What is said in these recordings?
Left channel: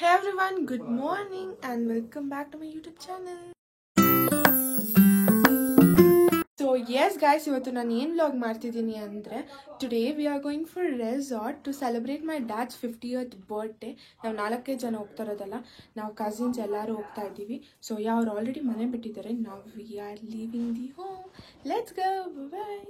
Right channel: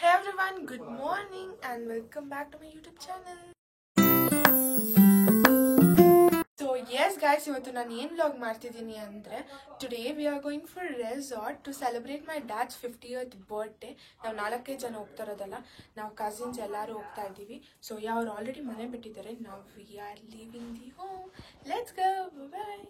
Hey everyone, good morning and welcome back to my YouTube channel. So yes guys, ಇವತ್ತು ನಾನು ಏನು vlog ಮಾಡ್ತಿದ್ದೀನಿ ಅಂದ್ರೆ today we are going for a resort to celebrate my dad's 50th birthday. ನಾವು 4 ಜನ ಹೋಗ್ತಾ ಇರೋದಲ್ಲ, ನಾವು ಕಸಿನ್ಸ್ ಎಲ್ಲರೂ ಹೋಗ್ತಾ ಇದ್ದೀವಿ. ಸೊ ಅವ್ರು ಆಲ್ರೆಡಿ ಮನೆ ಬಿಟ್ಟಿದ್ದಾರೆ. Now we are leaving the home. Let's go. Bye.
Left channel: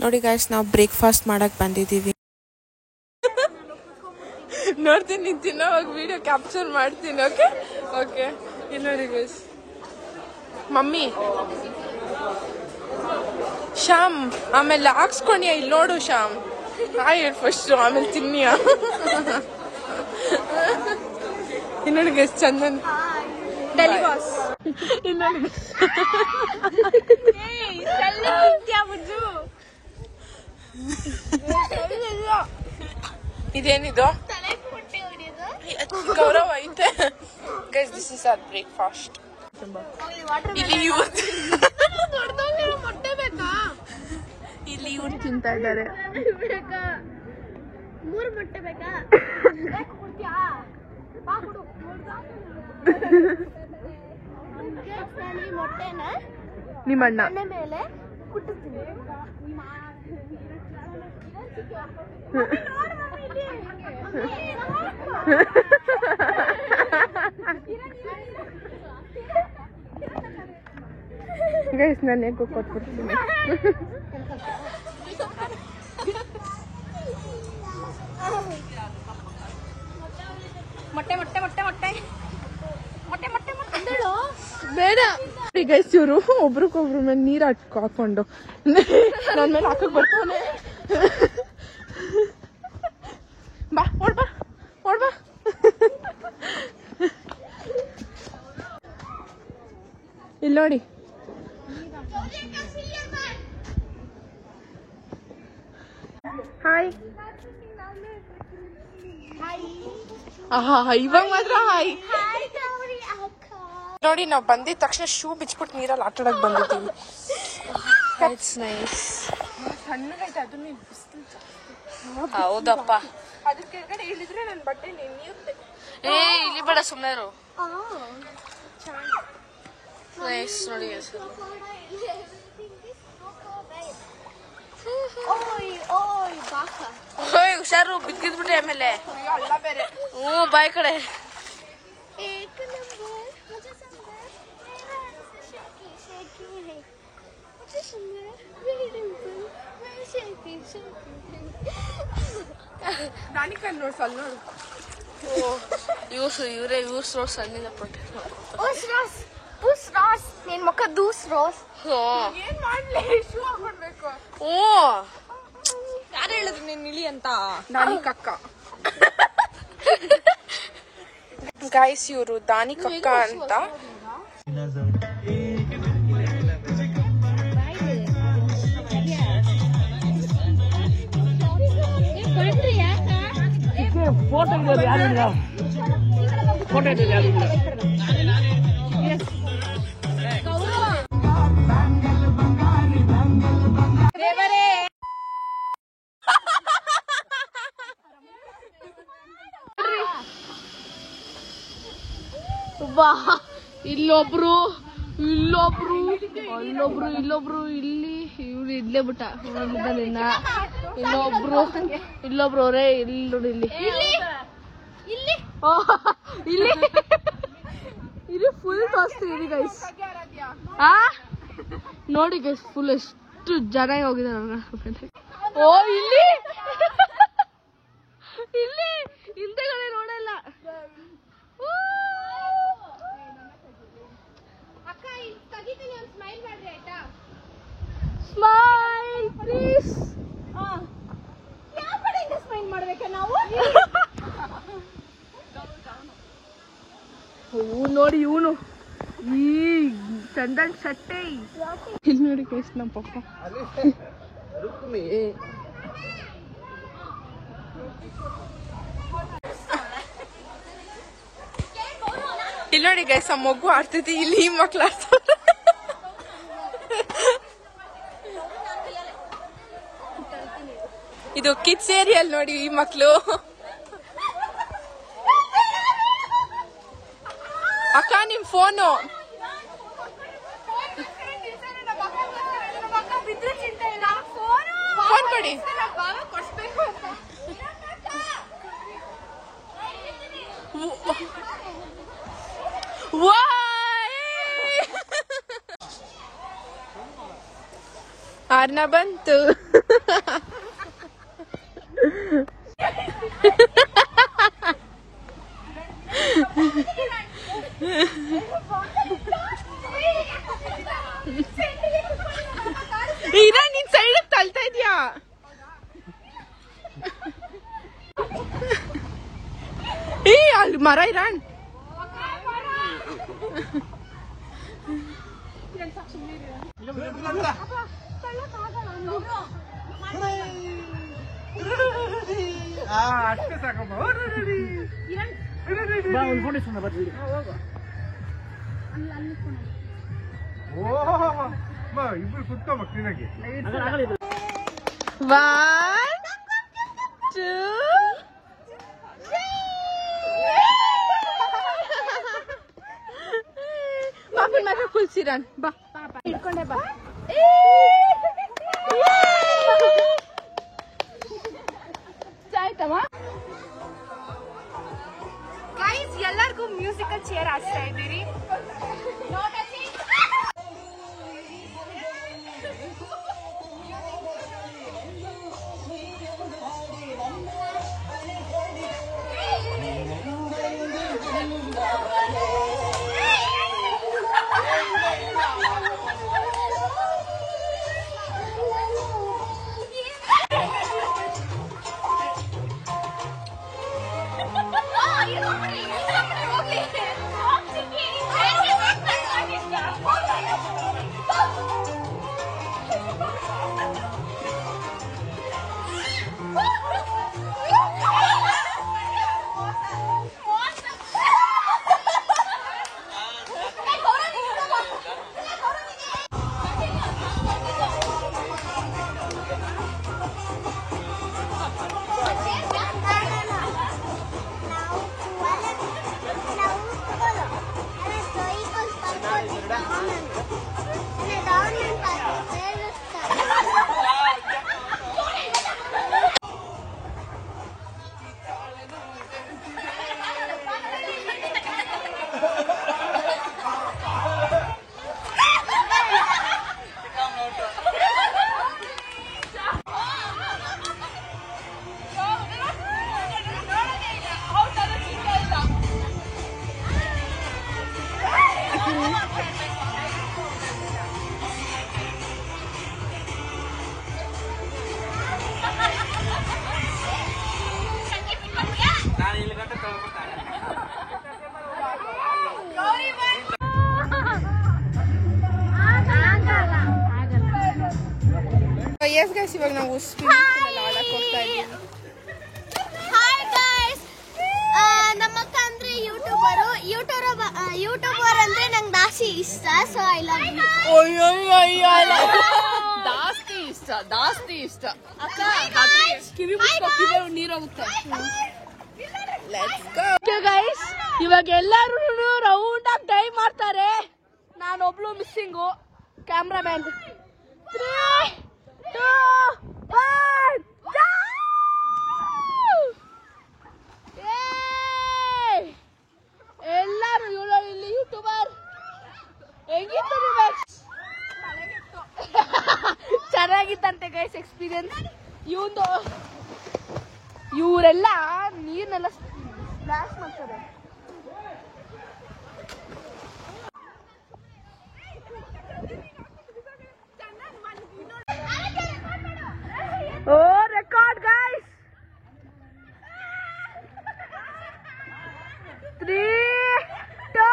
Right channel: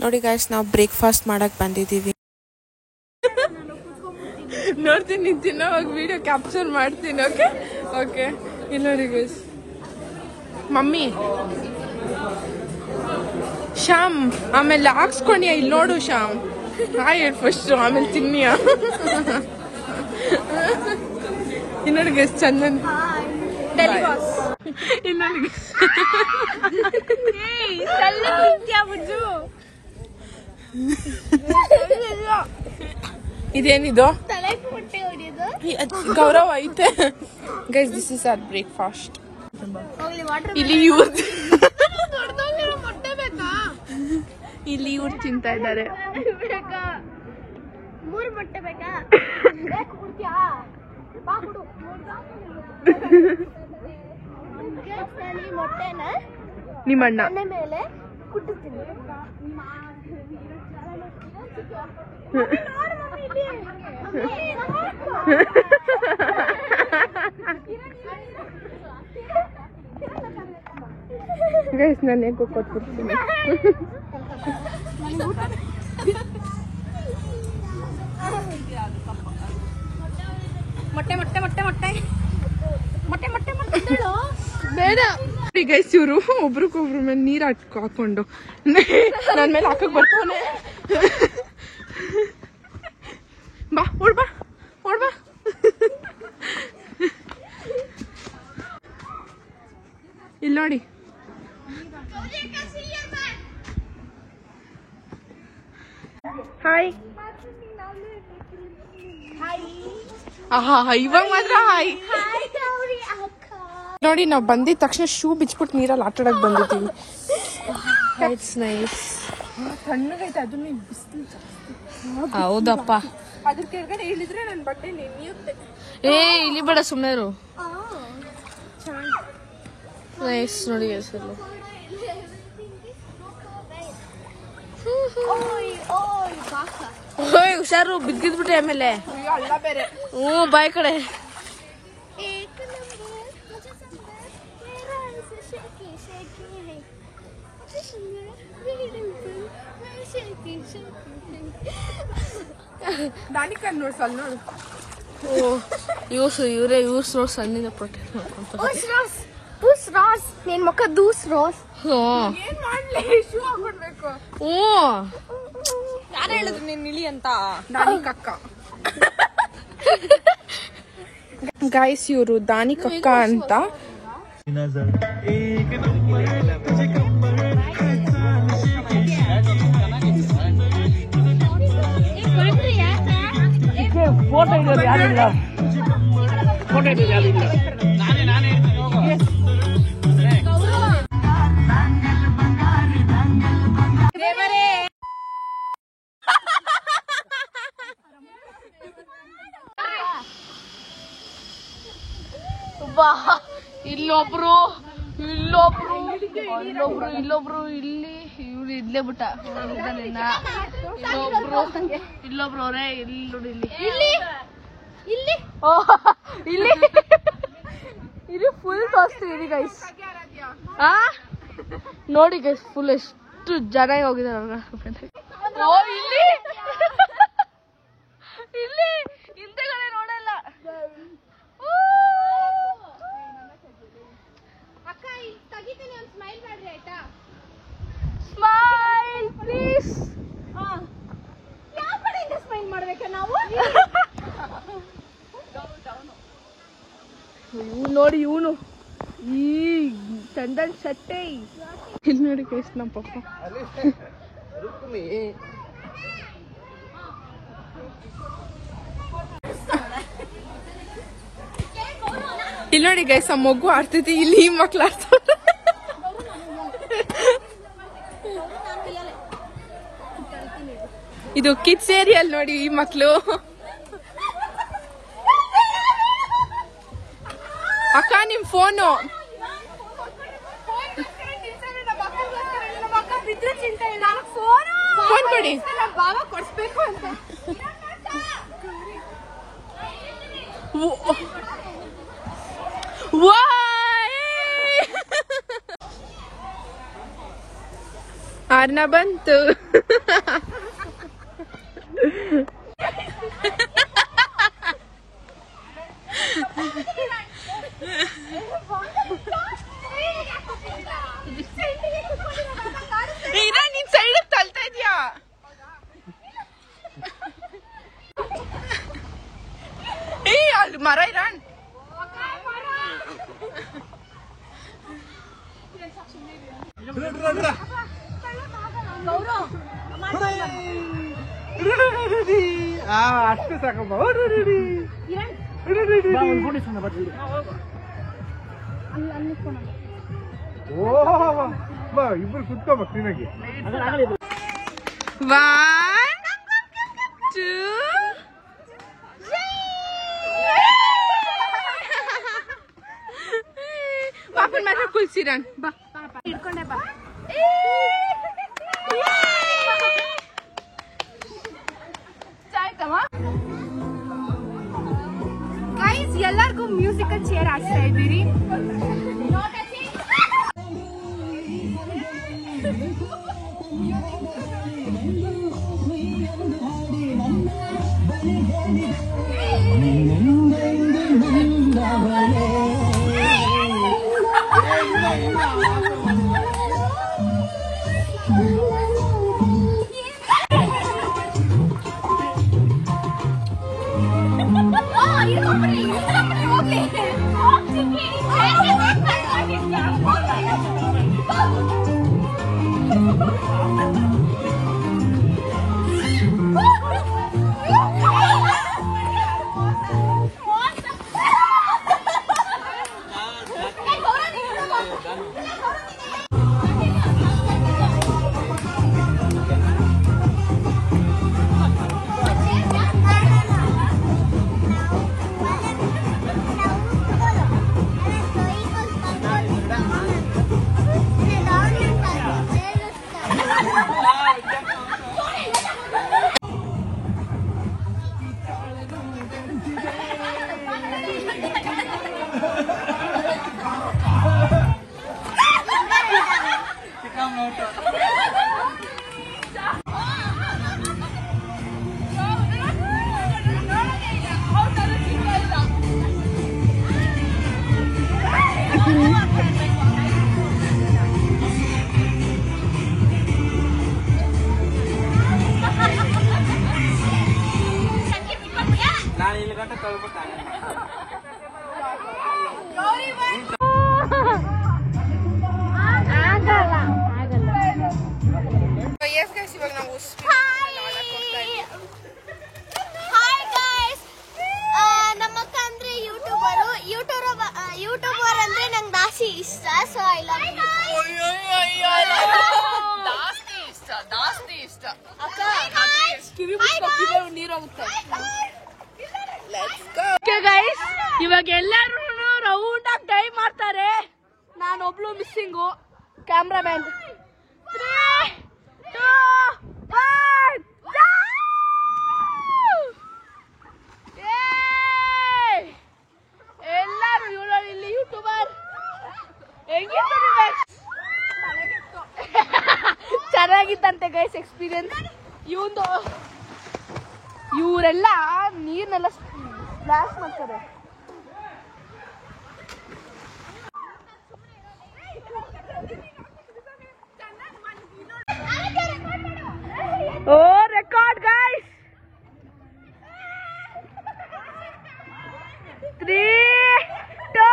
ನೋಡಿ ಗೈಸ್, ನಾವು ಬ್ರೇಕ್ಫಾಸ್ಟ್ ಮಾಡಕ್ ಬಂದಿದ್ದೀವಿ. ನೋಡ್ತೀನಿ, ನಿಂತೀನಿ, ಅವಾಗ ವಿಡಿಯೋ ಕ್ಯಾಪ್ಚರ್ ಮಾಡ್ತೀನಿ. ಓಕೆ ಓಕೆ, ಇಲ್ಲಿ ನೋಡಿ ಗೈಸ್, ಮಮ್ಮಿ ಶ್ಯಾಮ್, ಆಮೇಲೆ ಹಾಕ್ಸ್ಕೊಂಡಿಯ, ಇಲ್ಲಿ ನೋಡು ಶ್ಯಾಮ್, ಹಾಯ್ ಫಸ್ಟ್, ಆಮೇಲೆ ತಿನ್ನಿಯ. ಇಲ್ಲಿ ನೋಡಿ ಗೈಸ್, ಚಂದನ್, ಇಲ್ಲಿ ನೋಡಿ ಇದೇನಿದು ಗೌರವ ಐತೆ guys. This is our breakfast. ಇಲ್ಲಿ ಇವ್ರು ತಿಂತಾ ಇದ್ದಾರೆ. ನಿಮ್ಮಣ್ಣ ಮೇಲೆ ಗೈಸ್, ನಾನು ಹೇಗೆ ಕೊಟ್ಬಿಡ್ತೀನಿ. ಬೇಡ ಗೈಸ್, ಇವರು ಒಬ್ರಿಗೊಬ್ರ ಮೇಲೆ ನೀರ್ ಹಾಕೊಂಡು ನನ್ ಮೇಲೆ ಹಾಕಕ್ ಬರ್ತಾನೆ. ಬಾ ಓಡ್ಬಾ ಓಡ್ಬಾ. ಇಲ್ಲಿ ನೋಡಿ, ಹಾಯ್. ಆಹಾ, ಇವಾಗ ಮಾತ್ರ ಹಾಯ್. ನೋಡಿ, ನಾವು ಬಂದಿದ ತಕ್ಷಣ ಶೂ ಬಿಚ್ಬಿಟ್ಟು ನೀರಲ್ಲಿ ಆಟಾಡಕ್ ಬಂದಿದ್ದೀವಿ. It's nice. ತಣ್ಣಗೈತೆ, ಅದನ್ನ ಬಿಸಿಲು. ಹೌದಪ್ಪ, ಅದ್ರ ಕೆಳಗಡೆ ಇಳಿದ್ರೆ ನನ್ನ ಬಟ್ಟೆ ನೆನೆಯುತ್ತೆ. ಇಲ್ಲಿ ಬೇಡ, ಸುಮ್ಮನೆ ಇರು. ನೈಸ್ ನೋಡಿ ಹೆಸರು. ಹುಷಾರು, ಬಿದ್ದಿದ್ಬಿಟ್ಟೆ ಆಮೇಲೆ. ಅಲ್ಲ ಬೇರೆ. ಬಾಯ್ ಕಡೆ. ಇವರೇ ಇವ್ರು ಸಣ್ಣಿಂದ ಪ್ರೊಟೆಕ್ಟ್ ಮಾಡ್ಕೊಂತಾರೆ. ನೀನ್ ಮಕ್ಕ ದೂಸ್ ರೋಸ್. ಏನ್ ಮಾಡ್ಲಿ, ಶೂ ಹಾಕೊಡ್ಬೇಕು. ಗೈಸ್, ಇವರು ದಾನಿ ಕಕ್ಕ ಅಂತ. ಫೋಟೋ ಇದ್ದಾರೆ, ಯಾರಿಲ್ಲ ಫೋಟೋ ಇದ್ದಾರೆ, ಯಾರಿಲ್ಲ. ಇಲ್ಲೊಬ್ರು ಇಲ್ಲೊಬ್ರು ಅಲ್ಲೊಬ್ರು ಇಲ್ಲೊಬ್ರು ಇಲ್ಲಿ ಇವ್ರು ಇಲ್ಲೇ ಬಿಟ್ಟ. ಇಲ್ಲೊಬ್ರು ಅವರೇ ಇಲ್ಲಿ ನೋಡಿ, ಇಲ್ಲಿ ಇಲ್ಲಿ ಇಲ್ಲಿ ಫುಲ್ ತೋರಿಸ್ತೀವಿ ಗೈಸ್. ನೋಡಿ ಗೈಸ್, ಫುಲ್ ಎಷ್ಟು ಜನ ಹೋಗಿದ್ದಾರೆ. ಓ, ಇಲ್ಲಿ ಇಲ್ಲಿ ಹಿಂದೆಗಡೆ ನೋಡಲ್ಲ. Smile please. ಯಾವ ಕಡೆಯಿಂದ ಸ್ಮೈಲ್ ಮಾಡ್ಬೇಕಾ ನಾವು? ಇವನು ನೋಡಿ ಇವನು ಈ ಚಂದನ್ ಶೆಟ್ಟಿ ಇಲ್ಲಿ ನೋಡಿ ಗೈಸ್ ನಮ್ಮ ಪಪ್ಪ ಇಲ್ಲಿ ನೋಡಿ ಗೈಸ್ ಆ ಮಗು ಆಡ್ತೈತಿ ಇಲ್ಲಿ ಈ ಮಕ್ಳು ಆಡ್ತಾರೆ ಇದು ಕಿಡ್ಸ್ ಏರಿಯಲ್ ನೋಡಿ ಈ ಮಕ್ಳು ಅಕ್ಕ ನಿಮ್ ಫೋನು ಫೋನ್ ಕೊಡಿ ಆರ್ನ ಬಂತು ನೀನ್ ಸೈಡ್ ತಳ್ತಾ ಇದ್ಯಾ ಅಲ್ಲಿ ಮರ ಇರಾನ್ ಅಷ್ಟೇ ಸಾಕಪ್ಪ ಇಬ್ಬರು ಕುತ್ಕೊಂಬ ಕ್ಲೀನಾಗಿ 1 2 ಪಾಪನ್ ಮಾತ್ರ ಕುಲ್ಸಿರನ್ ಬಾ ಪಾಪ ಇಟ್ಕೊಂಡೆ ಬಾ ಆಯ್ತಮ್ಮ ಗೈಸ್ ಎಲ್ಲರಿಗೂ ಮ್ಯೂಸಿಕಲ್ ಚೇರ್ ಹಾಕ್ತಾ ಇದ್ದೀರಿ Yes guys, ಇವಾಗ ನಾವು ಆಡಕ್ಕೆ ಹೋಗ್ತಾ ಇದ್ದೀವಿ. ಹಾಯ್ ಗೈಸ್, ನಮ್ಮ ಅಕ್ಕ ಅಂದ್ರೆ ಯೂಟ್ಯೂಬರ್ ಅಂದ್ರೆ ನಂಗೆ ಜಾಸ್ತಿ ಇಷ್ಟ. So I love you. ಜಾಸ್ತಿ ಇಷ್ಟ ಗೈಸ್. ಇವಾಗ ಎಲ್ಲರೂ ರೌಂಡ್ ಆಗಿ ಟೈಮ್ ಮಾಡ್ತಾರೆ. ನಾನೊಬ್ಳು ಮಿಸ್ಸಿಂಗು ಕ್ಯಾಮ್ರಾಮ್ಯಾನ್. 3 2 1 ಎಲ್ಲರೂ ಇಲ್ಲಿ ಯೂಟ್ಯೂಬರ್ ಚೆನ್ನಾಗಿತ್ತಂತೆ ಗೈಸ್ ಎಕ್ಸ್ಪೀರಿಯನ್ಸ್. ಇವರೆಲ್ಲ ನೀರ್ನೆಲ್ಲ ಸ್ಪ್ಲಾಶ್ ಮಾಡ್ತಾರೆ. ಓ ರೆಕಾರ್ಡ್ ಗೈಸ್. 3 2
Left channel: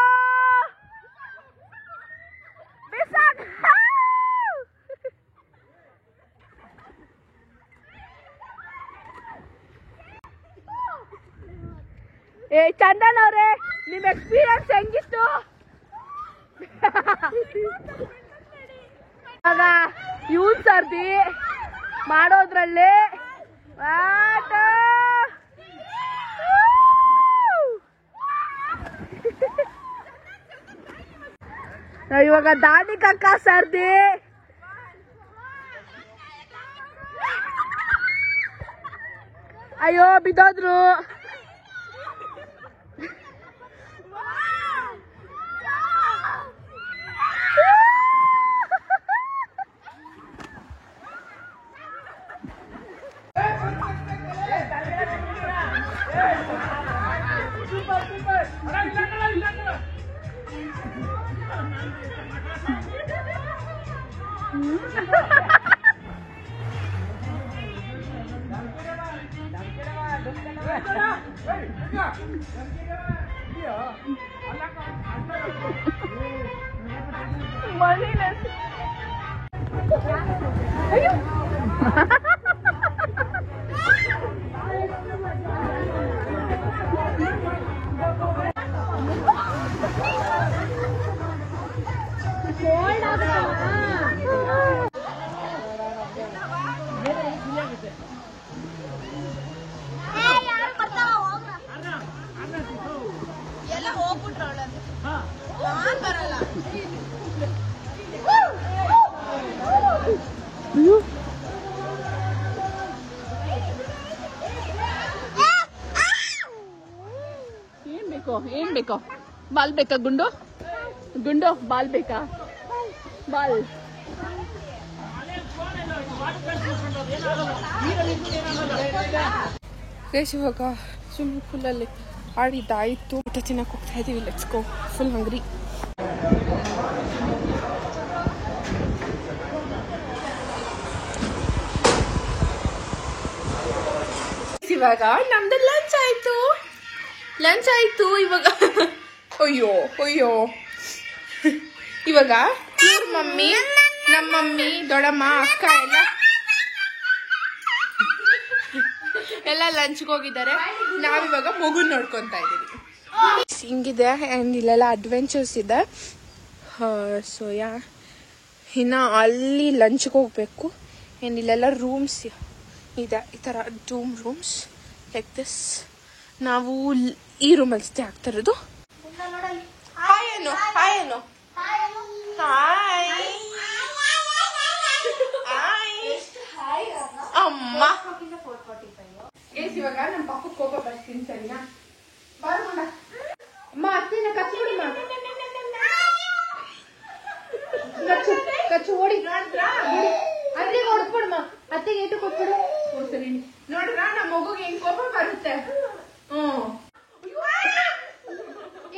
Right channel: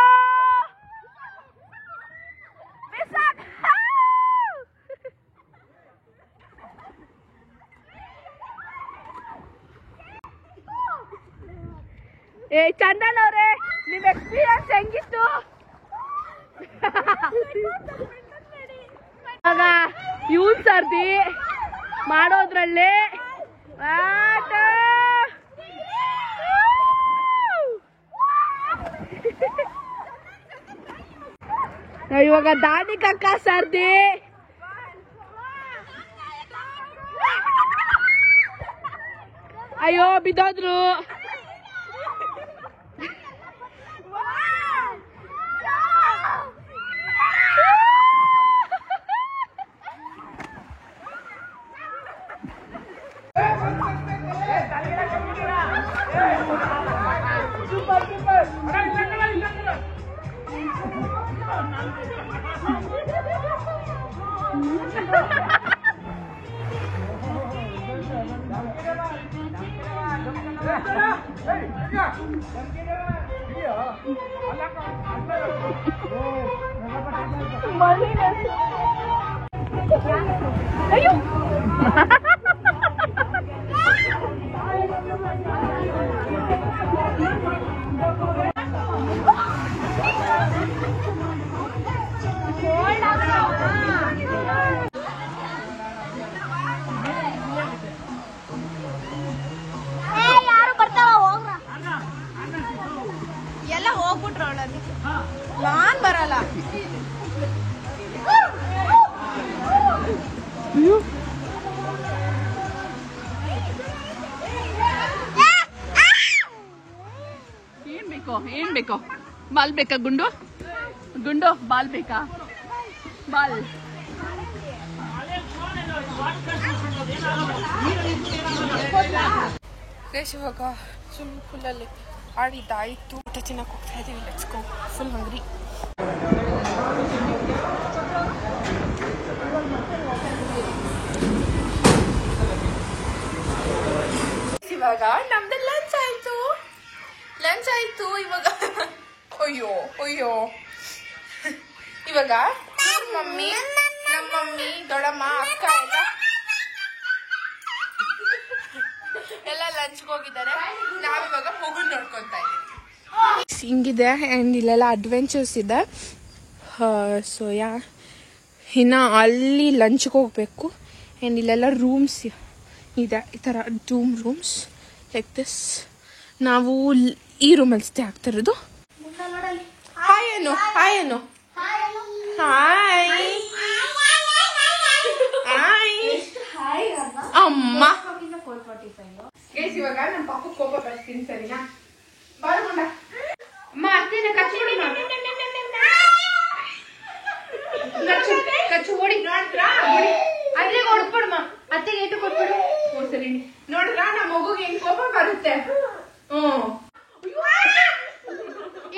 ಚಂದನ್ ಅವ್ರೆ ನಿಮ್ ಎಕ್ಸ್ಪೀರಿಯನ್ಸ್ ಹೆಂಗಿತ್ತು? ಇವಾಗ ಇವನ್ ಸರ್ದಿ ಮಾಡೋದ್ರಲ್ಲಿ ಇವಾಗ ದಾನಿ ಕಕ್ಕ ಸರ್ದಿ ಅಯ್ಯೋ ಬಿದ್ದೋದ್ರು. ಎಲ್ಲ ಹೋಗ್ಬಿಟ್ರು ನಾನ್ ಬರಲ್ಲ. ಏನ್ ಬೇಕೋ ಬಾಲ್ ಬೇಕಾ? ಗುಂಡು ಗುಂಡು ಬಾಲ್ ಬೇಕಾ? ಬಾಲ್ ಇವಾಗ ಸ್ವಿಮ್ಮಿಂಗ್ ಪೂಲಲ್ಲಿ ಆಡಿದ್ದಾಯಿತು. ಊಟ ತಿನ್ನಕ್ಕೆ ಹೋಗ್ತಾ ಇದೀವಿ. Let's go. ಫುಲ್ ಹಂಗ್ರಿ. ಇವಾಗ ನಮ್ದು ಲಂಚ್ ಆಯ್ತು ಇವಾಗ. ಅಯ್ಯೋ ಇವಾಗ ಇವ್ರ ಮಮ್ಮಿ, ನಮ್ಮ ಮಮ್ಮಿ, ದೊಡ್ಡಮ್ಮ, ಅಕ್ಕ ಎಲ್ಲ ಲಂಚ್ಗೆ ಹೋಗಿದ್ದಾರೆ. ನಾವಿವಾಗ ಮಗುನ್ ನೋಡ್ಕೊಂತಾ ಇದೀವಿ. ಹಿಂಗಿದೆ ಆ್ಯಂಡ್ ಇಲ್ಲೆಲ್ಲ ಅಡ್ವೆಂಚರ್ಸ್ ಇದೆ. ಸೊ ಇನ್ನು ಅಲ್ಲಿ ಲಂಚ್ಗೆ ಹೋಗ್ಬೇಕು. ಆ್ಯಂಡ್ ಇಲ್ಲೆಲ್ಲ ರೂಮ್ಸ್ ಇದೆ, ಈ ಥರ ರೂಮ್ಸ್ ಲೈಕ್ ದಿಸ್. ನಾವು ಈ ರೂಮಲ್ಲಿ ಸ್ಟೇ ಆಗ್ತಾ ಇರೋದು. ಹಾಯ್ ಏನು ಅಮ್ಮ. ಇವಾಗ ನಮ್ಮ ಪಕ್ಕಕ್ಕೆ ಹೋಗೋ ಬರ್ತೀನಿ, ಸರಿನಾ? ಬರೋಣ ಅಮ್ಮ. ಅತ್ತೆನ ಕಚ್ಚೋಡಿ ಕಚ್ಚೋಡಿ ನೋಡ್ರಾ? ಅದೇ ಕೊಡ್ಬಿಡಮ್ಮ, ಅತ್ತೆಗೆ ಏಟು ಕೊಟ್ಬಿಡು. ಸರಿ ನೋಡ್ರಾ, ನಮ್ಮ ಮಗುಗೆ ಹೆಂಗ್ ಕೋಪ ಬರುತ್ತೆ.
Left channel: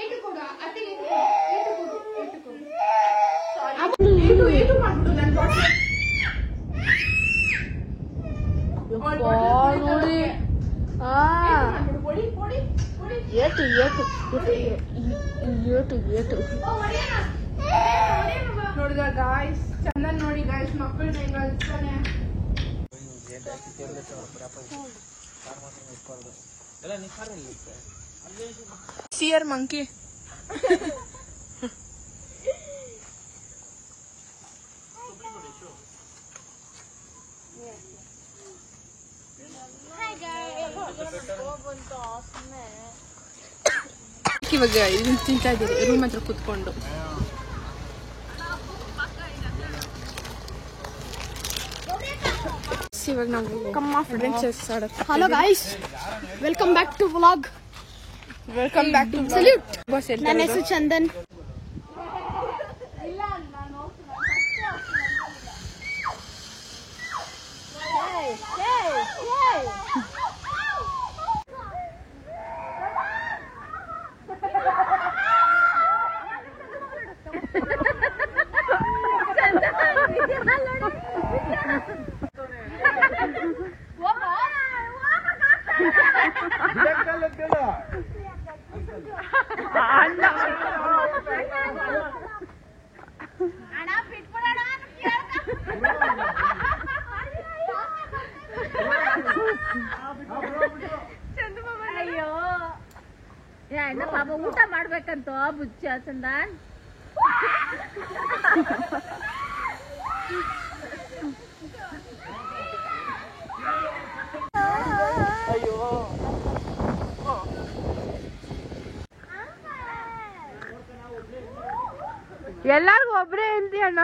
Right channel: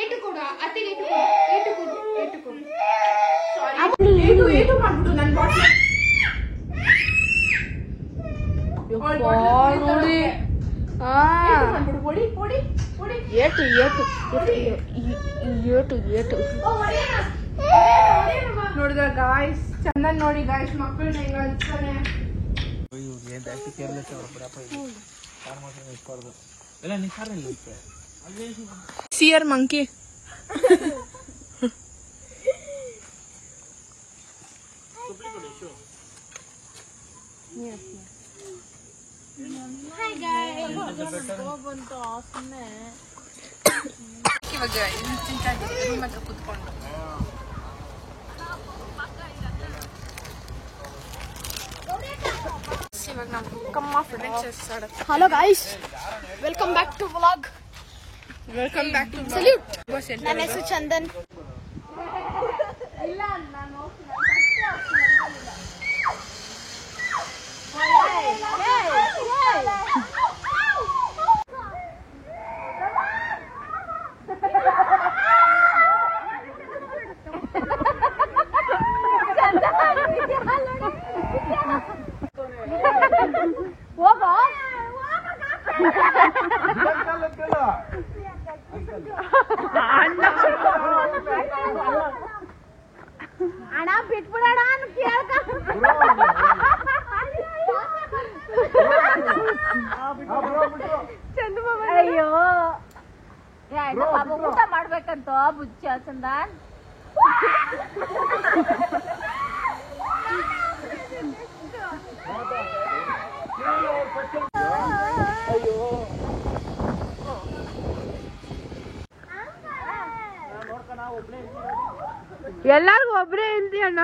ಏಟು ಕೊಡು ಅತ್ತೆಗೆ, ಏಟು ಕೊಡು. ಏಟು ಮಾಡ್ಬಿಡು ನನ್ ನೋಡಿ. ನೋಡಿದ್ರ ಗಾಯ್ಸ್, ಚಂದನ್ ನೋಡಿ ಗಾಯ್ಸ್, ಮಕ್ಕಳನ್ನ ಈಗ ಅನ್ಸ್ತಾನೆ. ಸಿಯರ್ ಮಂಕಿ. ಇವಾಗ ಇದನ್ನ ತಿಂತಾ ಇದ್ದೀರಿ ರೂಮ್ ಹತ್ರ ಕುತ್ಕೊಂಡು. ಇವಾಗ ನಾವು ಕಮ್ಮ ಫ್ರೆಂಡ್ಸ್ ಆಡೋದು. Hello guys, welcome back to vlog. Welcome back to salute. ನನ್ನ ಹೆಸರು ಚಂದನ್. ಊಟ ಮಾಡ್ಬೇಕಂತ ಬುಚ್ಚ ಚಂದನ್. ಎಲ್ಲಾರ್ಗು ಒಬ್ರೇ ಹೇಳ್ತಿ ಅಣ್ಣ.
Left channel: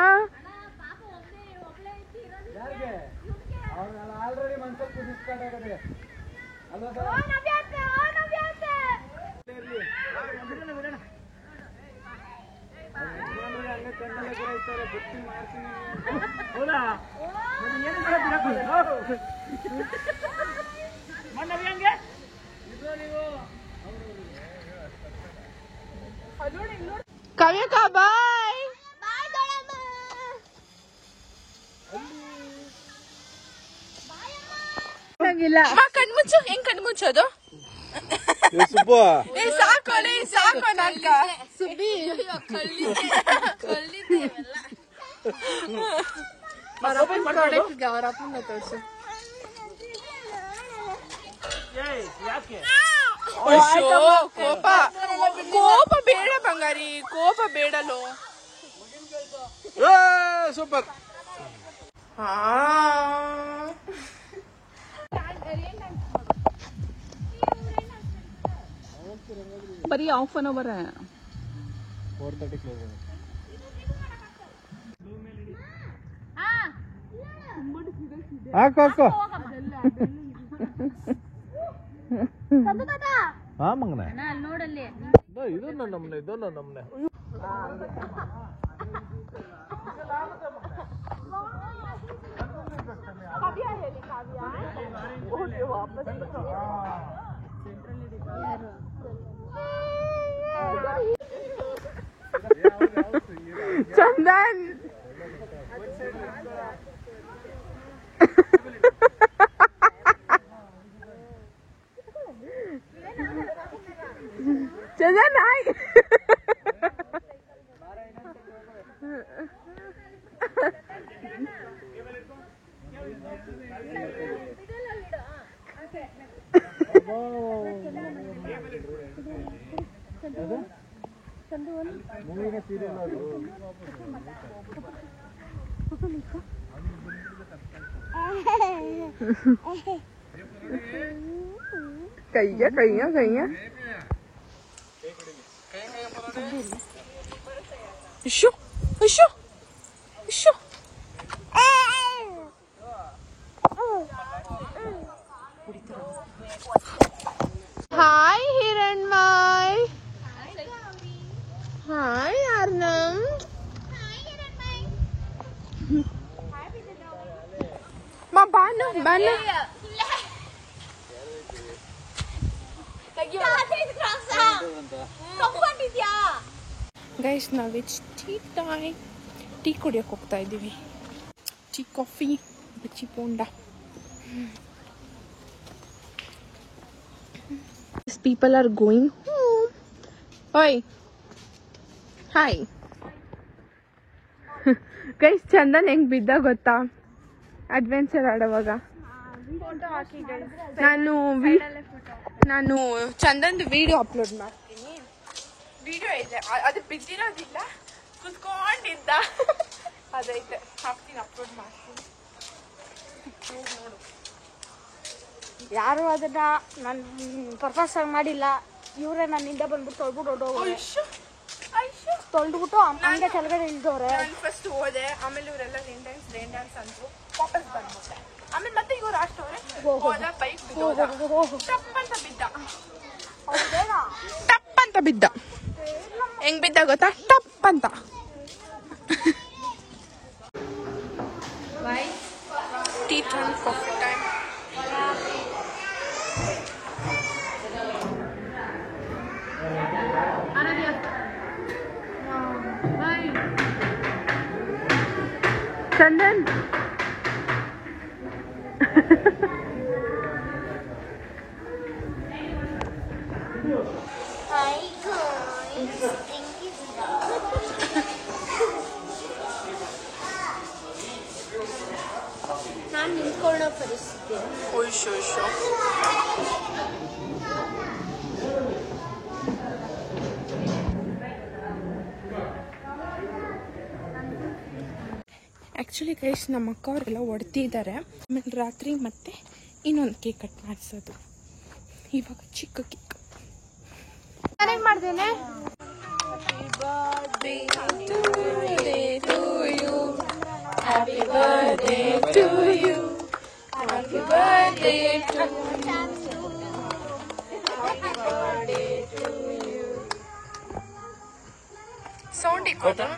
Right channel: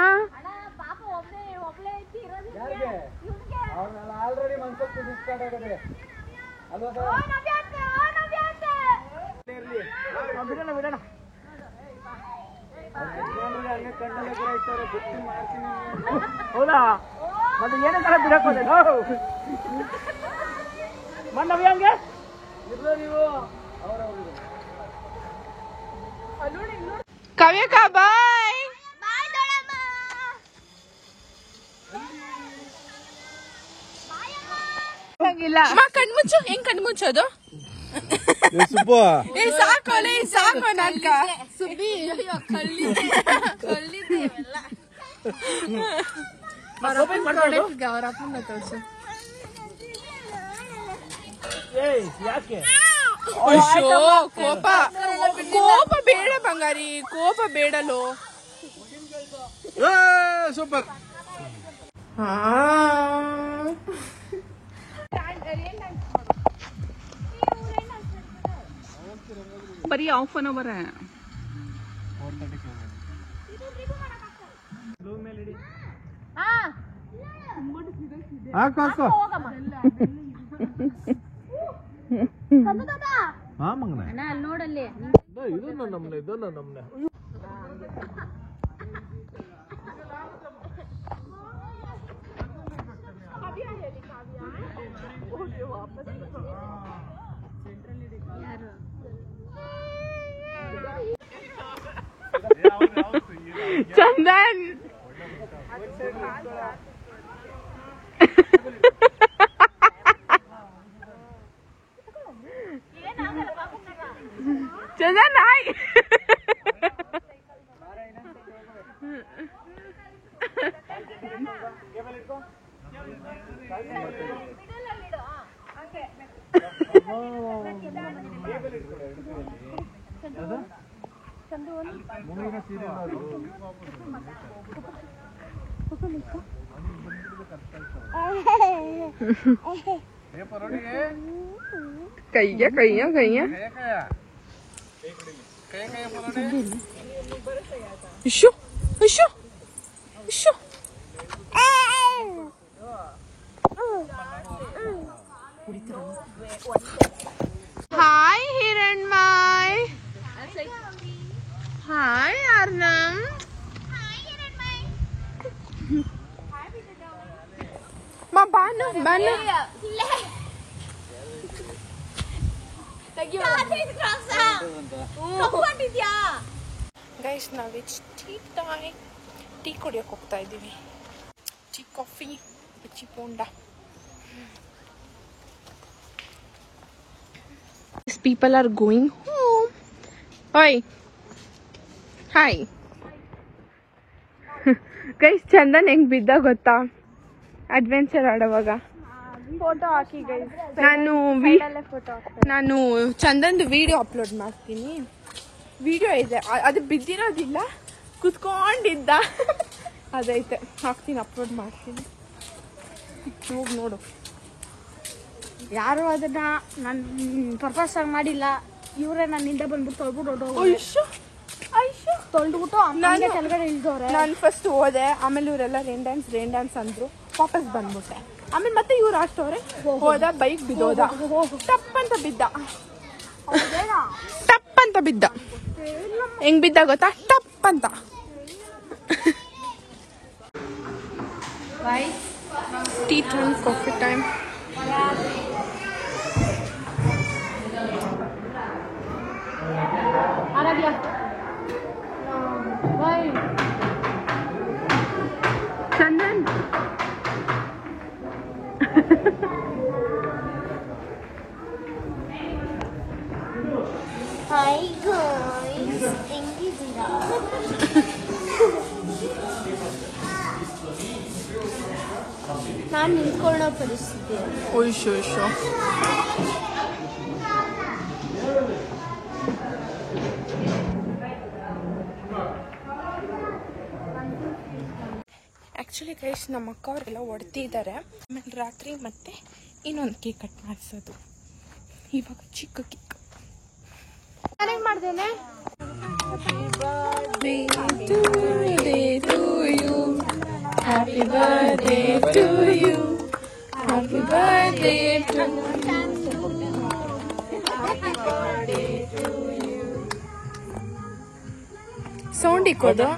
ಆಲ್ರೆಡಿ ಮನ್ಸಲ್ಲಿ ಕುದಿಸ್ಕೊಂಡಾಗದೆ ಅಲ್ವಾ ಸರ್? ಬಿಡೋಣ ಹಂಗೆ ಕಣ್ಣಲ್ಲೇ ಕೂಡ ಇರ್ತಾರೆ. ಗೊತ್ತಿ ಮಾಡ್ತೀನಿ ಹೌದಾ? ಮತ್ತೆ ಏನಂತ ಬಿಡಕ್ ಮಂಡವಿ ಹಂಗೆ ನೀವು ಕವ್ಯಕ ಬಾಯ್. ಕಣ್ಮುಚ್ಚು. ಹೆಂಗ್ ಕಣ್ಮುಚ್ಚೋದು? ಸಾಕೋಲೆ ಸಾಕೋ ನಾಟಕ. ಅವ್ರಪ್ಪನ ತೋರಿಸು. ಯಾಕೆ ಅಯ್ಯೋ ಕೋಪ ಕೋಪ ಬೇಡ ಬಂಗಾರಿ, ಕೋಪ ಬೇಡಲು. ಸೂಪರ್. ಬರೀ ಹಾಫ್ ಅನ್ ಅವರ್. 4:30 ಕ್ಲೋಸ್. ಹಾಕು ಹಾಕು. ಹಾ ಮಂಗನ ನೋಡಲ್ಲಿ ಇದನ್ನ ನಮ್ನೆ ಇದನ್ನ ನಮ್ನೆ. ಚಂದನ್ ಚಂದನ್ ಹಾಯ್. ಕೈಯ ಕೈಯ ಕೈಯ ಇಶು ಇಶು ಇಶು. ಹಾಯ್ ಹಿರಣ್ಮಯ್. ಹಾಯ್ ಅರ್ನಮ್. ಬಾನು ಬಾನು ಗೈಸ್ ನಾವು ಟೀ ಕುಡಿಯೋಕೆ ಹೋಗ್ತಾ ಇದ್ದೀವಿ. ಟೀ ಕಾಫಿ ಬಚ್ಚಿ ಪೋಂಡ. People are going home. ಓಯ್ ಹಾಯ್ ಗೈಸ್. ಚಂದನ್ ಹೆಂಗ್ ಬಿದ್ದ ಗೊತ್ತಾ ಅಡ್ವೆಂಚರ್ ಆಡುವಾಗ? ಫೋಟೋ ಹಾಕಿ ನಾನು ಚಂದನ್ದು ವಿಡಿಯೋ ಅಪ್ಲೋಡ್ ಮಾಡ್ತೀನಿ. ವಿಡಿಯೋ ಇದೆ, ಅದು ಬಿದ್ದಿರೋದಿಲ್ಲ, ಕುತ್ಕೊಂಡಿದ್ದ ಅದೈತೆ, ಹಾಕ್ತೀನಿ, ಅಪ್ಲೋಡ್ ಮಾಡ್ತೀನಿ. ನೋಡು. ಯಾರು ಅದನ್ನ ನಾನು ಪರ್ಪಸ್ ಮಾಡಿಲ್ಲ. ಇವರೇ ನನ್ನಿಂದ ಬಂದ್ಬಿಟ್ಟು ತೊಳ್ಬಿಟ್ಟು ತೊಳ್ದ್ಬಿಟ್ಟು ನಾನು ಕೆಳಗಡೆ ನಿಲ್ದವ್ರೆ. ನಾನು ಫಸ್ಟ್ ಹೋದೆ, ಆಮೇಲೆ ಇವರೆಲ್ಲ ರೇನ್ ಡ್ಯಾನ್ಸ್ ಅಂದ್ರು, ವಾಪಸ್ ಬಂದ್ಬಿಟ್ಟೆ. ಆಮೇಲೆ ಮತ್ತೆ ಇವ್ರು ಅಷ್ಟವ್ರೆ ಹೋದ, ಬೈಕ್ ಬಿದ್ದೋದ, ಟಪ್ಪಂತ ಬಿದ್ದ. ಟಪ್ಪಂತ ಬಿದ್ದ. ಹೆಂಗ್ ಬಿದ್ದ ಗೊತ್ತಾ? ಟಪ್ಪಂತ. Tea time, coffee time. Chandan hi guys, ಹೆಂಗಿದ್ದೀರಾ? ನಾನು ನಿಂತ್ಕೊಳ್ಳೋ ಪರಿಸ್ಥಿತಿ. ಓಯ್ಶೋ ಆ್ಯಕ್ಚುಲಿ ಗೈಸ್ ನಮ್ಮ ಅಕ್ಕ ಅವರೆಲ್ಲ ಹೊಡ್ತಿದ್ದಾರೆ. ಆಮೇಲೆ ರಾತ್ರಿ ಮತ್ತೆ ಇನ್ನೊಂದು ಕೇಕ್ ಕಟ್ ಮಾಡಿಸೋದು. ಇವಾಗ ಚಿಕ್ಕ cake happy birthday to you, happy birthday to sound ಇಕ್ಕೋದು.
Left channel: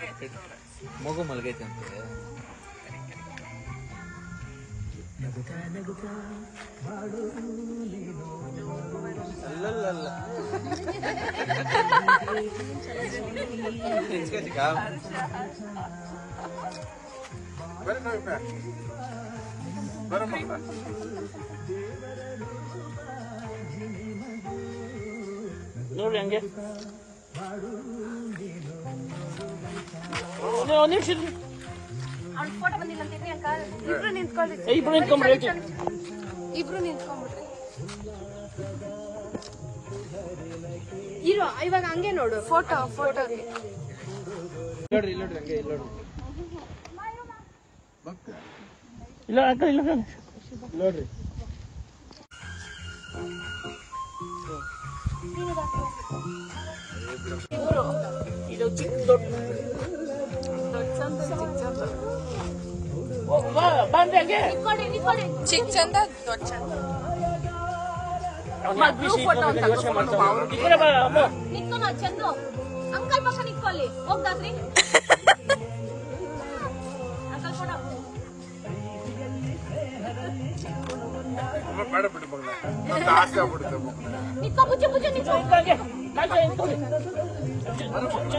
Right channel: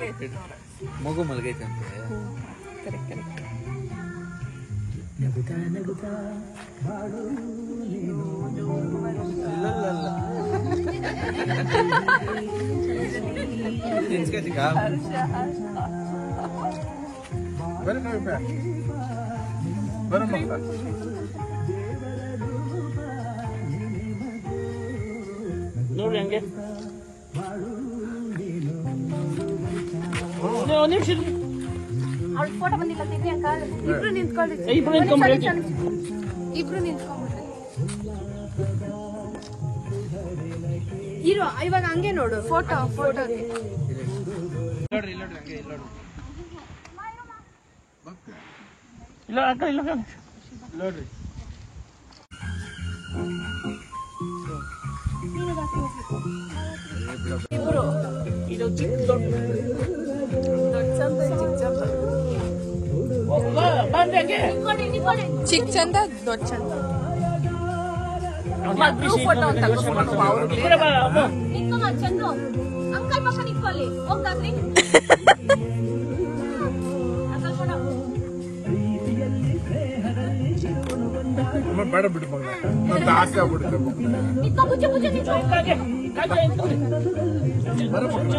ನೋಡಿ ಹಂಗೆ ಇಬ್ರು ನಿಂತ್ಕೊಂಡಿದ್ವಿ. ಇಬ್ರು ನಿಂತ್ಕೊಂಡ್ಬಿಟ್ರಿ. ಇರೋ ಇವಾಗ ಹಂಗೆ ನೋಡು ಫೋಟೋ ಇಲ್ಲ ಅಕ್ಕ ಇಲ್ಲ ನೋಡ್ರಿ. ಇದು ಚಿಕ್ಕ ಚಿಕ್ಕ ಚಂದ ದೊಡ್ಡ ಚಂದ. ಚಂದು ಅಂಕಲ್ ಪಕ್ಕ ನಿಂತ್ಕೊಳ್ಳಿ ಹೋಗ್ರಿ. ಬೇಡ ಬಿಟ್ಟು ಮಗನ, ನಂದು ಆಸೆ ಆಗ್ಬಿಡುತ್ತೆ ಮಗನ. ಬರ ಮಕ್ಕಳ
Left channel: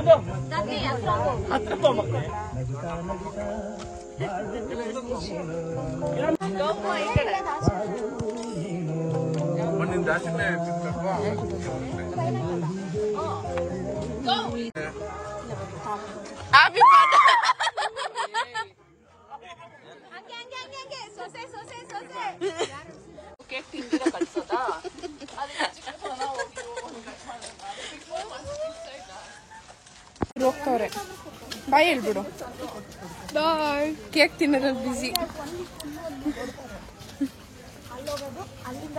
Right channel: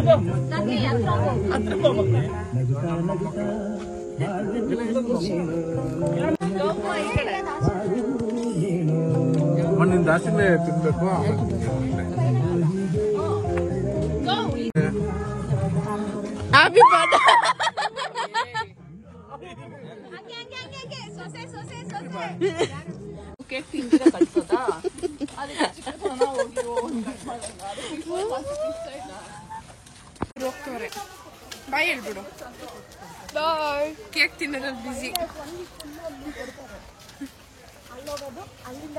ನನ್ನ ಮಕ್ಕಳು ನಿಂದ ಆಸೆಲೇ ತಿನ್ಬೇಕು. Happy birthday. ಕೇಕ್ ತಿಂದಿರ ಕಟ್ಸೋದಾ? ಹೋಗ್ತವ್ರೆ. ಬಾಯ್ ಹೇಳ್ಬಿಡು. ಬಾಯ್. ಕೇಕ್ ತಿನ್ನೋದ್ರಲ್ಲಿ ಬಿಸಿ.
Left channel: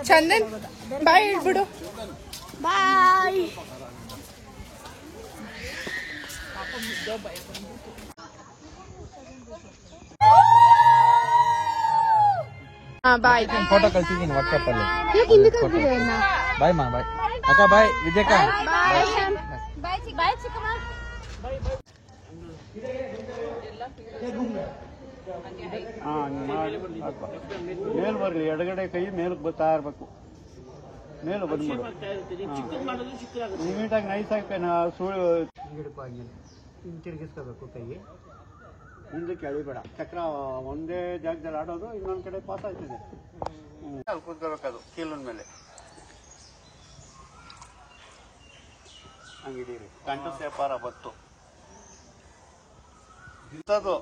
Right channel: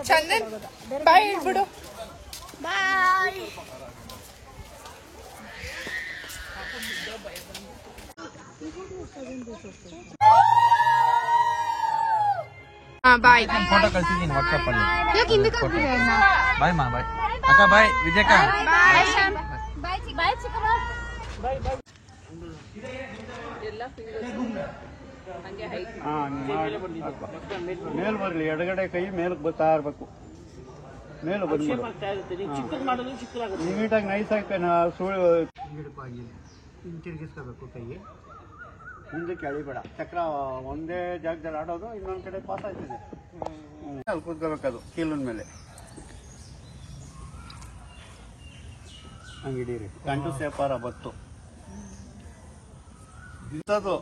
ಚಂದನ್ ಬಾಯ್ ಹೇಳ್ಬಿಡು. ಬಾಯ್. ಬಾಯ್. ಫೋಟೋ ಕಳ್ಸಿದ್ದೀನಿ ವಾಟ್ಸ್ಆಪ್ ಅಲ್ಲಿ. ಯಾಕೆ ಹಿಂದಕ್ಕೆ ಹೋಗ್ತಿದೆ ಅಣ್ಣ? ಬಾಯ್ ಮಾ ಬಾಯ್ ಅಕ್ಕ ಬಾಯ್ ವಿಜಯಕ ಬಾಯ್ ಚಿಕ್ಕಮ್ಮ. ಮೇಲ್ ಬರ್ಲಿ, ಎಡಗಡೆ ಕೈ ಮೇಲಕ್ಕೆ ಬರ್ತಾ ಇರ್ಬೇಕು. ಮೇಲು ಬಂದ್ಬಿಡು. ನೀಟಾಗಿ ನೈಸ್ ಆಗಿ ತಿರುಗಿಸ್ಕೋಬೇಕು ಕೈ. ಹಿಂದಕ್ಕೆ ಎಳಿಬೇಡ. ಚಕ್ರ ಒಂದೇ ಜಾಗದಲ್ಲಿ ಆಡೋದು, ಇನ್ನೊಂದ್ ಕಡೆ ಪಾಸ್ ಆಯ್ತಿದೆ. ಅಲ್ಲಿ ಕೂತ್ಕೋಬೇಕದು ಕೀಲಿನ ಮೇಲೆ. ಹಂಗಿಡೀರಿ. ಗಂಟು ಸೇಪಾರ ಬತ್ತು ಬಿತ್ತದು.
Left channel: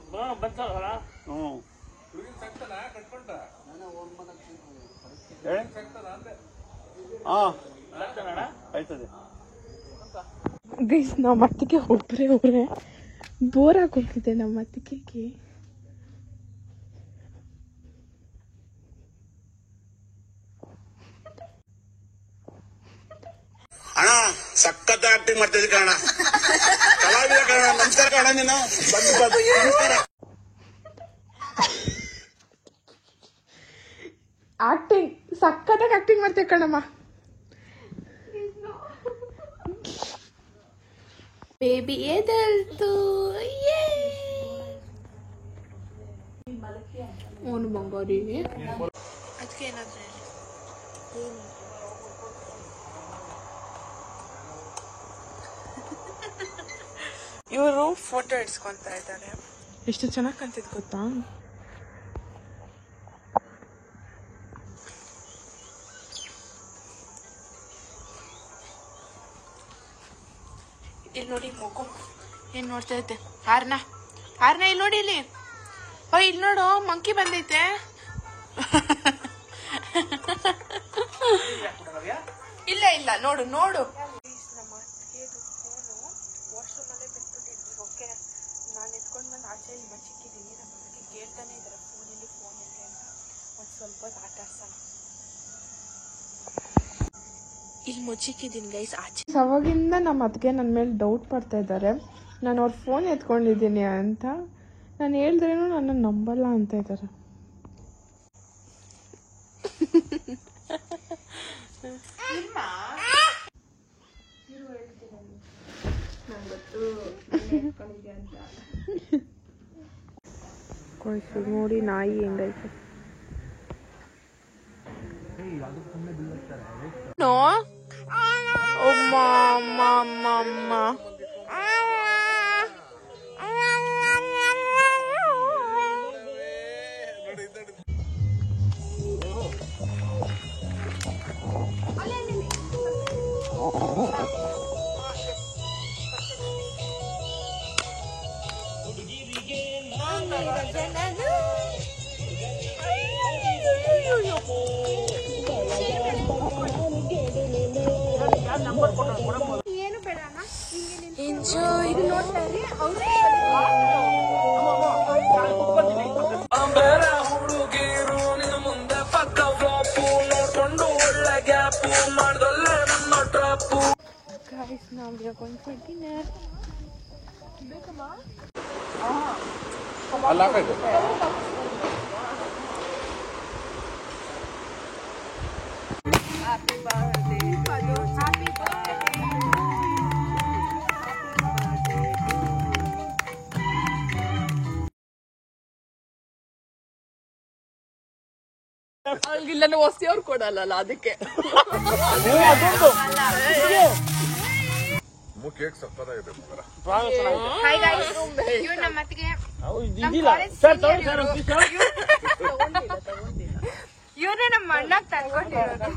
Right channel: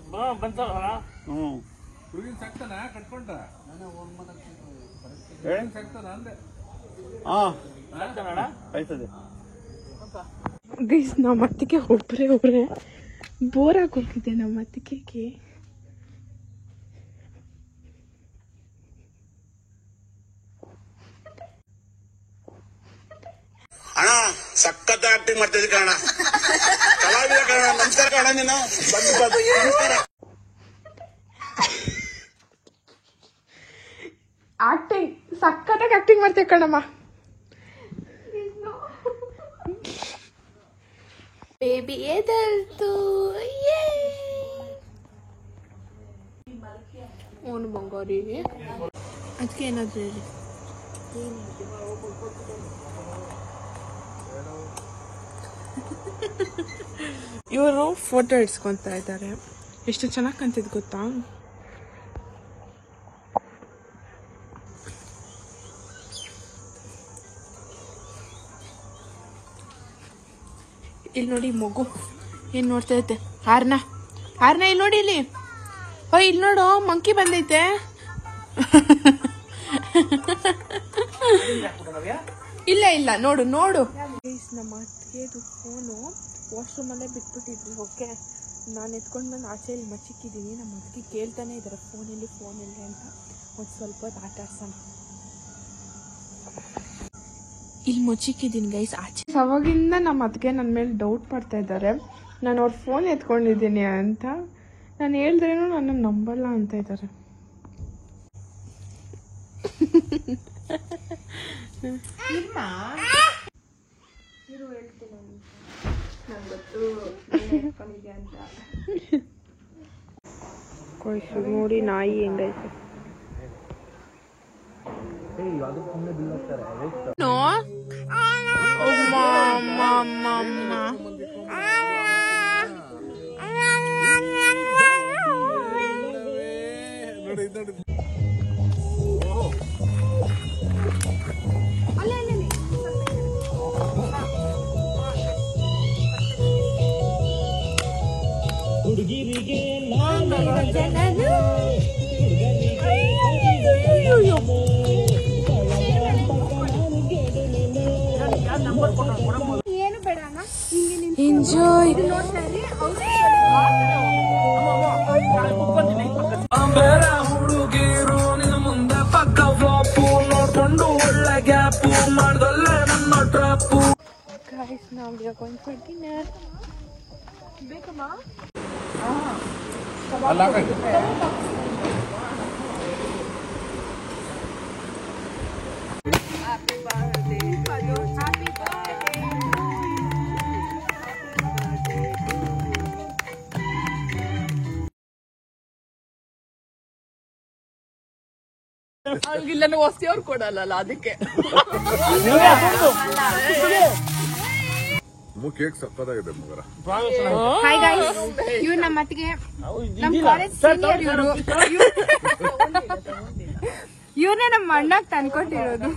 ಆಯ್ತದೆ. ಗೈಸ್ ನಮ್ಮ ಅತ್ತಿಗೆ ಒಬ್ಬರೇ ಬೋರ್ ಆಗೋಗಿದೆ ನಮ್ಮ ಅತ್ತಿಗೆಗೆ. ಅಣ್ಣ ಸಖತ್ ಆಕ್ಟಿಂಗ್ ಮಾಡ್ತಿದ್ದೆ ಕಣ, ಕಲಾವಿದ ಕಣ. ನಮಸ್ಕಾರ ಕಣ, ನೀನು ಆಕ್ಟಿಂಗ್ ಸಖತ್ತಾಗಿ ಆಕ್ಟಿಂಗ್ ಮಾಡ್ತೇವೆ ಕಣಮ್ಮ. ಬೇಬಿ ಎದಲ್ತು ಓನು ಬಂಗೋರಿ. ಅದಕ್ಕೆ ಏನಾದ್ರು ಹೇಳಿ. ಇವರು ಫೋಟೋ ಇಡ್ಸ್ಕೊಂತ ಇದ್ದಾರೆ. ಎಷ್ಟು ಚೆನ್ನಾಗಿ ಕಾಣ್ತಿದ್ ಗೊತ್ತಾ. ಇಲ್ಲಿ ನೋಡಿ ಮಗು ಏನ್ ನೋಡ್ತಾ ಐತೆ. ಹಾರ್ನ ಇಲ್ಲಿ ನೋಡಿ. ಇಲ್ಲಿ ಇಲ್ಲಿ ನೋಡು, ಮಂಕಿ ಬಂದೈತೆ. ಇಲ್ಲ ನೋಡು. ನಮ್ಮ ಅತ್ತಿಗೆದು ಫೋನು ವಾಶ್ರೂಮ್ ಅಲ್ಲೇ ಬಿಟ್ಬಿಟ್ಟಿದ್ವಿ. ಓಕೆ, ನಾನು ಎತ್ಕೊಂಡು ಬಂದು ಆಚೆ ಇಲ್ಲಿ ಮಚ್ಚಿಕ್ಕಿದ್ದೀನಿ. ನಮ್ಮ ಅದಕ್ಕೆ ಕೇಳ್ತಾನೆ ಇದ್ದಾರೆ ಫೋನಲ್ಲಿ ಅಂತ. ಒಂದು ಸ್ವಲ್ಪ ಹೊತ್ತು ಆಟ ಆಡ್ಸೋಣ. ಇಲ್ಲಿ ಮುಚ್ಚಿಕ್ಕಿದ್ದೀನಿ ಗೈಸ್ ಆಚೆ. ಅವಾಗಿಂದ ನಮ್ಮ ಅದಕ್ಕೆ ನನ್ನ ಮೇಲೆ ಡೌಟ್ ಪಡ್ತಾ ಇದ್ದಾರೆ, ನಾನು ಅವ್ರ ಫೋನ್ ಎತ್ಕೊಂಡಿದ್ದೀನಿ ಅಂತ. ನಾನು ಹೇಳಿದ್ರೇನು ನನ್ನ ನಂಬಲ್ಲ ಅಂತ ಇದ್ದಾರೆ. ನೋಡಿ ನಾಯಿ ಹೆಂಗೈತೆ. ಏನು ಬೇಡ enjoy. Guys, now we are going for dinner. ಬೇಕಮ್ಮ? Happy birthday, Padu. Happy birthday. ಇಲ್ಲ ವಸ್ತಿ ಅವ್ರು ಕೊಡಲ್ಲ ಅದಕ್ಕೆ. ಕೇಕ್ ಸಕ್ಕತ್ತಾಗಿದೆ ಮಗರ. ಹಾಯ್ ಗೈಸ್, ಇವ್ರು ನಮ್ಮ ಅತ್ತಿಗೆ, ನಮ್ಮ ಕಾಲೇಜ್ ಸೀನಿಯರ್ ಇವರು. ಇವ್ರನ್ನೇ ನಮ್ಮ ಅಣ್ಣಾಗ್ ತಂದ್ಕೊಟ್ಟಿರೋದು.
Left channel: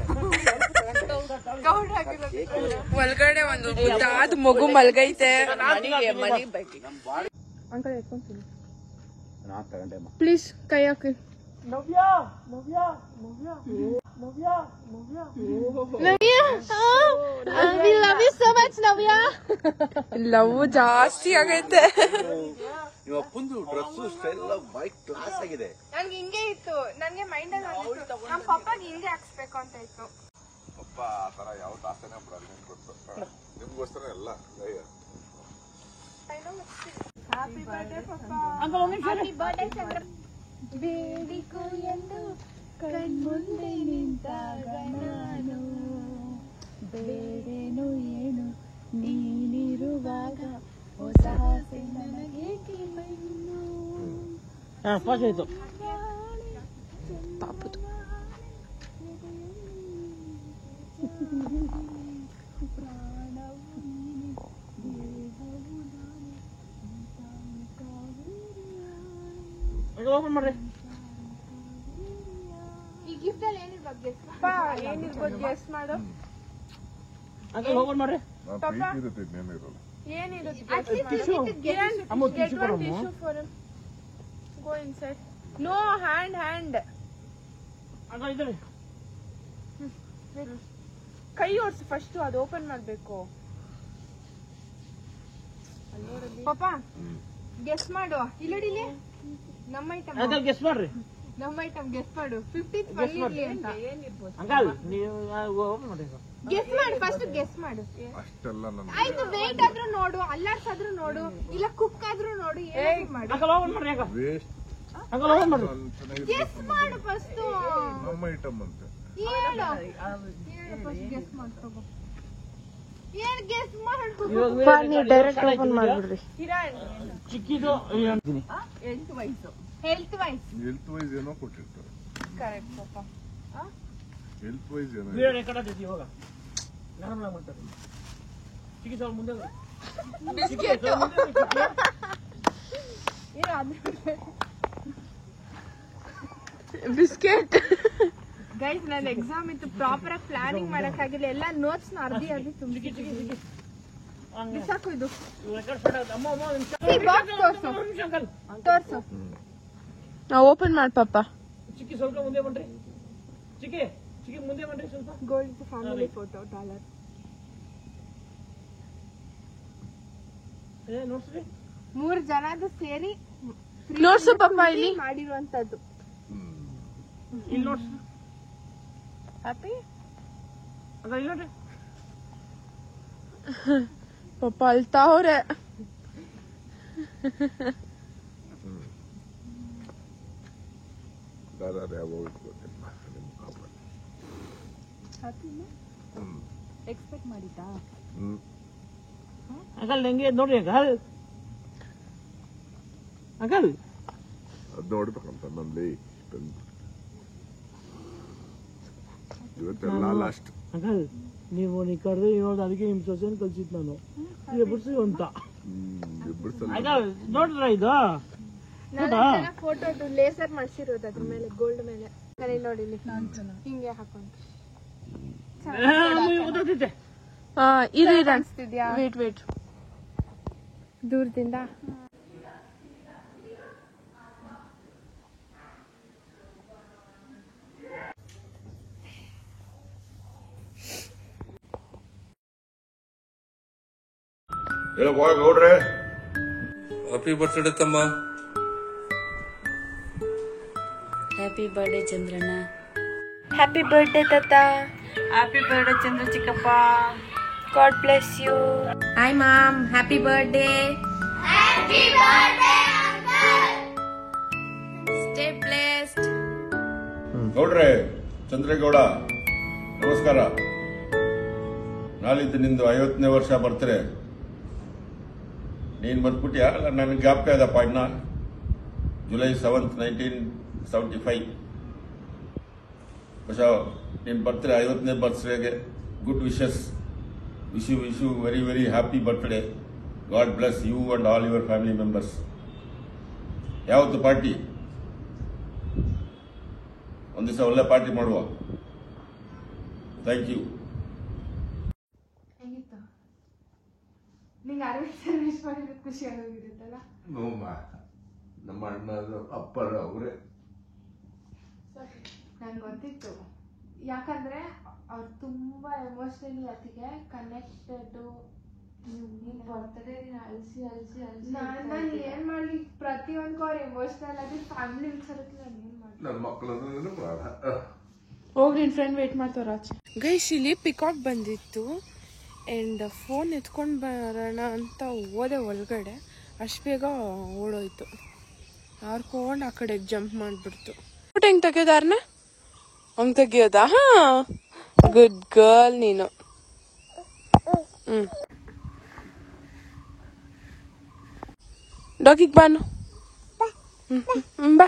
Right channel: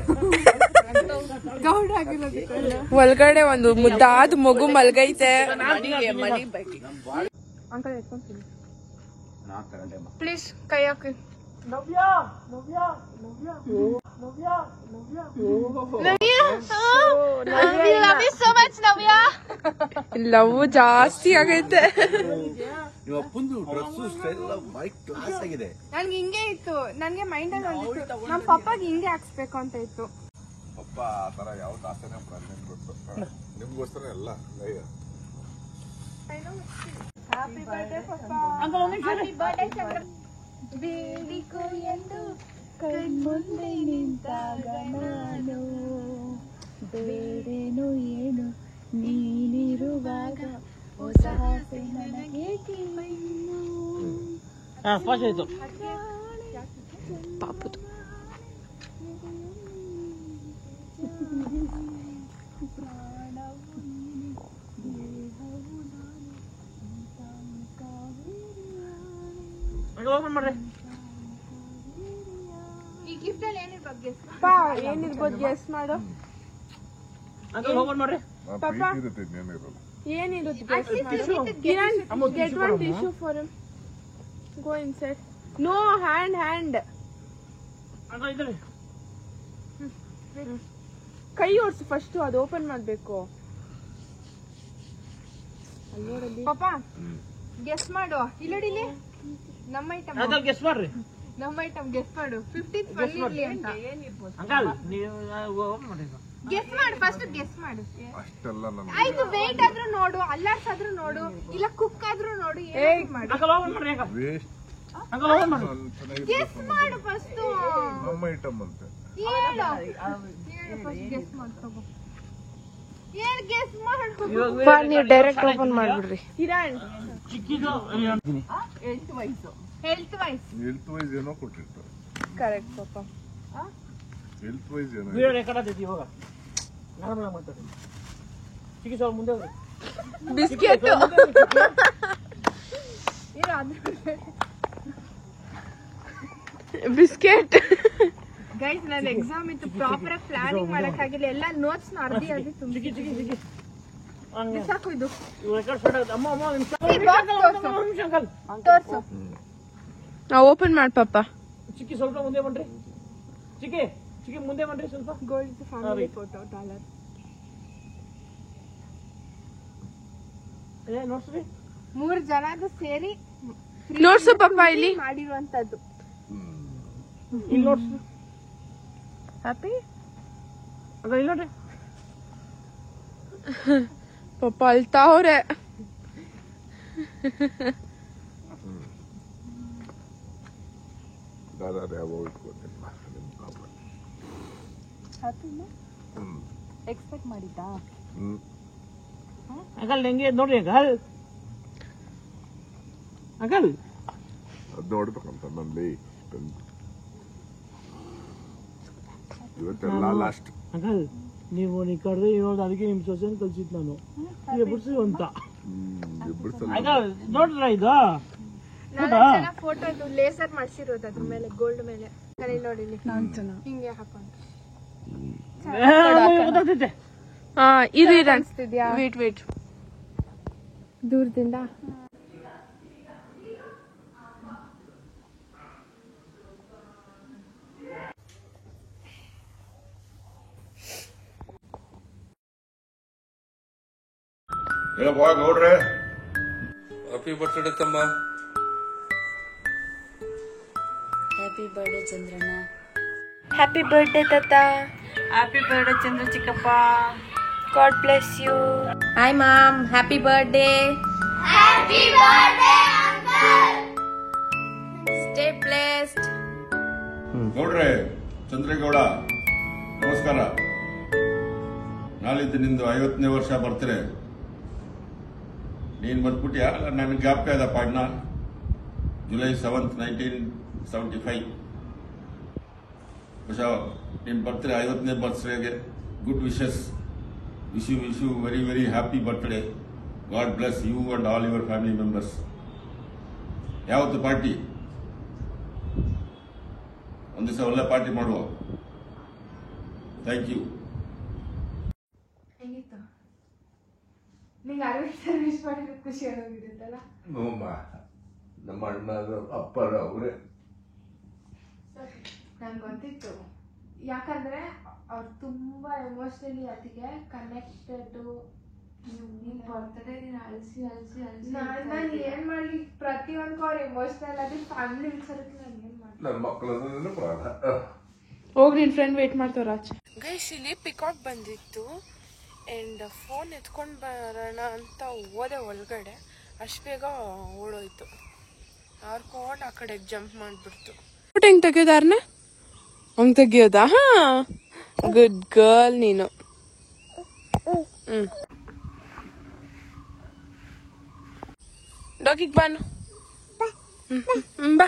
ಗೌಡ್ ಆಗಿರೋದಕ್ಕೆಲ್ಲ. ಒಳಗಡೆ ಒಂದು ಮುದ್ದಾದ ಮಗು ಮಲ್ಗೈತೆ. ಅಂಕಲ್ ಇಟ್ಕೊಂತೀನಿ ಪ್ಲೀಸ್, ಕೈ ಹಾಕಿ. ಲವ್ ಜಾಸ್ತಿ ಆಗೈತೆ. ನನ್ಗೆ ಹಿಂಗೆ ಇತ್ತು, ನನ್ಗೆ ಮೈಂಡ್ ಅಲ್ಲಿ ಒಂದಿತ್ತು ನಮ್ಮ ಪಪ್ಪಾಗ ಹಿಂಗೆ ಹಾಕ್ಸ್ಬೇಕು ಅಂತ ಇತ್ತು. ಪಪ್ಪ ಆ ತರ ಯಾವ ಆಸೆನೇ ನಿಮ್ಗೋಸ್ಕರ ಎಲ್ಲ. ಹ್ಯಾಪಿ ಬರ್ಡೇ ಪಪ್ಪಾ. ಹ್ಯಾಪಿ ಬರ್ಡೇ ಚಂದ್ರ. ಬೇಡಿಕೋ ಎಂದು ಕಣ್ಮುಂದೆ ನಿಂತಾಗ ನಾನು ಬೇಡೇನು ಏನು ನೀನಿರುವಾಗ ಹೊಸ ಆಸೆ ನನಗೇಕೆ ಇನ್ನು. ಪಾಪದು ಈ ಗಿಫ್ಟ್ ಅಲ್ಲಿ ಏನಿರ್ಬೋದು? ಏನಿರ್ಬೋದು ಗೆಸ್ ಮಾಡು. ಏನಿರುತ್ತೆ get one tissue for him. Go inside. No, hand. ಕೈ ಓಡಿಸಿ ಫಸ್ಟ್, ಅದು ಓಪನ್ ಮಾಡ್ಬೇಕು. ಪಾಪ ಗೆಸ್ ಮಾಡು. ಇಲ್ಲಡಿಲೆ ನಮ್ಮ ಐಟಮ್ ಗೆಸ್ ಮಾಡ್ರಿ. ನಮ್ಮ ಐಟಮ್ ಗೆಸ್ ಮಾಡು. 15th ಬಂದಿರ್ಲಿ ಅಂತ. ಗೆಸ್ ಮಾಡು ಫಸ್ಟ್, ಗೆಸ್ ಮಾಡು. ಆಯ್ತು, ವೇಟ್ ಆದ್ರೂ ನೋಡು, ಅಲ್ಲಾಡ್ಸಾದ್ರೂ ನೋಡು, ಇಲ್ಲ ಕುಕ್ ಆದ್ರೂ ನೋಡು, ಏನ್ ಮಾಡು. ಗೆಸ್ ಮಾಡು ಫಸ್ಟ್. ನಮ್ಮ ಐಟಮ್ ಅಂತ ಗೆಸ್ ಮಾಡ್ಕೋಬೋ. ಏನ್ ಗೆಸ್ ಮಾಡು. ನೀವು ಡೈರೆಕ್ಟ್ ಓಪನ್ ಮಾಡ್ಬಿಡ್ರಿ. ಕಿರಣ್ ಹೆಲ್ತ್ ವೈಸ್ ಏನೋ ಕೊಟ್ಟಿರ್ತಾರೆ. ಕರೆಕ್ಟ್ ಪಾಪ. ಹೆಲ್ತ್ ವೈಸ್ ಏನೋ ಬಿಸ್ಕೆಟ್. ಬಿಸ್ಕೆಟ್. ಗೈಸ್, ನನ್ನ ಎಕ್ಸಾಮ್ ಇತ್ತು, ಪ್ರಾಪರ್ ಆಗಿ ಪ್ಲಾನಿಂಗ್ ಮಾಡಕ್ ಆಗಿಲ್ಲ. ಎಲ್ಲ ನೋಟ್ಸ್ ಅರ್ಧಿ ತುಂಬಿ ಸಾಕು. ಇದು ತೋರ್ಸು. ನಾವು ಓಪನ್ ಮಾಡಿ ಪಾಪ. ಚಿಕ್ಕಿ ಸ್ವಲ್ಪ ಮುಂದೆ ಬನ್ರಿ. ಚಿಕ್ಕಿ ಮುಂದೆ ಬನ್ರಿ ಸ್ವಲ್ಪ. Going to family photo $. 3 ಜನದು ಸೇರಿ ನೋಡ್ಸು ಪಪ್ಪ ಇಲ್ಲಿ ಮಾಡಿರುವಂತದ್ದು. ಈಗ ನೋಡ್ಸು. ಹ್ಯಾಪಿ ಅದ ಇಲ್ಲ ರೀ. ಪಪ್ಪ ಅಳ್ತಾವ್ರೆ. ಎಕ್ಸ್ಪೆಕ್ಟ್ ಮಾಡಿದ್ದಾ? ಅಂಕಲ್ ಹೆಂಗೆ ನೋಡ್ರಿ ಅಂಕಲ್. ಅಂಕಲ್ ಅದ್ ನೋಡ್ಬೇಕಂತ ನಂದಿ ಇವತ್ತೆಲ್ಲ ಲಾಸ್ಟ್. ಅಂಕಲ್ ನೀವು ಕರೆದ್ರೆ ನೋಡ್ದು ಅದಕ್ಕೆ ನಿಮ್ ಸೊಸೆನ್ ಕಲ್ಸಿದ್ ನಾನು ಬಿಡ್ಸಿ ಅಂತ. ಅಂಕಲ್ ನೋಡ್ರ ಇದು ಫೋಟೋ ಇದು ಲೇಸರ್ ಮಾಡ್ಸಿರೋದು ಅದ್ರ ಮೇಲೆ ಗೋಲ್ಡ್ ಮೇಲೆ ನೋಡಿ ಹಿಂಗೆ ಹಾಕೊಂಡು ಇದು ಇದೆ ಅನ್ಸ್ತಿದ್ಯಾ? ವೇಟ್ ದೂರದಿಂದ ಹೇಳಪ್ಪ ಗೌಡ್ರೆ. ಹ್ಯಾಪಿ ಬರ್ತ್ಡೇ ತಮ್ಮ. ಹ್ಯಾಪಿ ಬರ್ಡೇ ಚಂದ್ರಣ್ಣ. ಹ್ಯಾಪಿ ಬರ್ಡೇ ತಾತ. ಹ್ಯಾಪಿ ಬರ್ಡೇ ಚಂದ್ರ ಚಿಕ್ಕಪ್ಪ. God bless you. Hi mom, happy birthday. Stay blessed. ಗೌಡ್ರೆ, ಚಂದ್ರೇಗೌಡ ನಮಸ್ಕಾರ. ನಾಳಿದ್ದು ನಿಂದು 50ನೇ ವರ್ಷ ಬರ್ತಾರೆ. ನೀನ್ ಬಂದ್ಬಿಟ್ಯಾ? ಅಲ್ಲ ನನಗೆ ಜ್ಞಾಪಕ ಇದಪ್ಪ ಇನ್ನ. ಜುಲೈ 7, 1975 ಹೊಸ ನೀನ್ ಬರ್ತಾರೆ. 50ನೇ ಬರ್ತ್ಡೇಗೆ good wishes. Wish you very very happy birthday. God bless you and all your family members. ಯಾವತ್ತು ಪಾರ್ಟಿ? ಒಂದ್ ದಿವಸ ಒಳ್ಳೆ ಪಾರ್ಟಿ ಮಾಡುವ. Thank you. ನಿಂಗೆ 60 ಸರ್ವಿಸ್ ಮಾಡಿದ್ರೆ ಖುಷಿ ಆಗೋಗಿರುತ್ತಲ್ಲ. ನಮ್ಮ ಅಣ್ಣ ಅಪ್ಪರ ಅವರೇ. ನಂಗೆ ಗೊತ್ತಿತ್ತು, ಯಾಕಂದ್ರೆ ಅವ್ರು ತುಂಬಾ ಎಮೋಷನಲಿ ಅದಕ್ಕೆ ಕನೆಕ್ಟೆಡ್. ನಾನು ಏನ್ ಮಾಡ್ಲಿ, ಪ್ರತಿಯೊಂದಕ್ಕೂ ಅವ್ರು ಎಮೋಷನಲ್ ಆಗಿ ಫ್ಯಾಮಿಲಿ ವಿಚಾರಕ್ಕೆ ನಾನು ಏನ್ ಮಾಡ್ಲಿ. ನನ್ನ ಮಕ್ಕಳನ್ನ ಪ್ರಾಣ. ಹೋಗಿ ನಿನ್ ಫ್ರೆಂಡ್ ವೇಟ್ ಮಾಡ್ತಾರ ಆಚೆ. ಗೈಸ್, ಇಲ್ಲಿ ಪಿಕಾಕ್ ಬಂದಿತ್ತು ಅಂಡ್ ಫೋನ್ ಎತ್ಕೊಂಡ್ ಬರೋಣ ಅಂತ ಹೋದೆ ಒಳಗಡೆ. ಅಷ್ಟು ಬೇಗ ಓಡೋಯ್ತು. ಹಾರ್ಕೊಂಡು ಆ ಕಡೆ ಜಂಪ್ ಮಾಡ್ಬಿಡ್ತು. ಫೋಟೋ ಹೆಂಗ್ ತೆಗಿಯೋದಾರ್ನ ಹಂಗ್ ತೆಗಿಯೋದಾ? ಹಾ, ಗುಡ್ ಗರ್ಲ್ ನೀನು. ಡಾಗಿಗ್ ಬಾನು ಬಾ.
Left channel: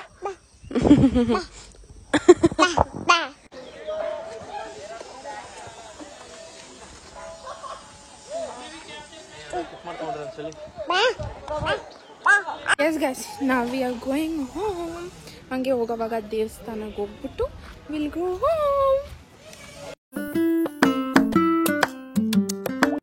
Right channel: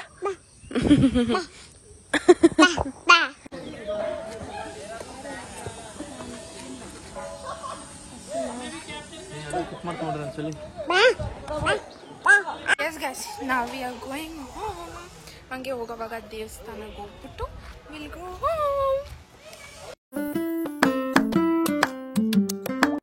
Yes guys, now we are going home. ಹಂಗೆ ಹೋಗೋವಾಗ ದೇವಸ್ಥಾನಕ್ಕೆ ಹೋಗ್ಬಿಟ್ಟು we'll go home.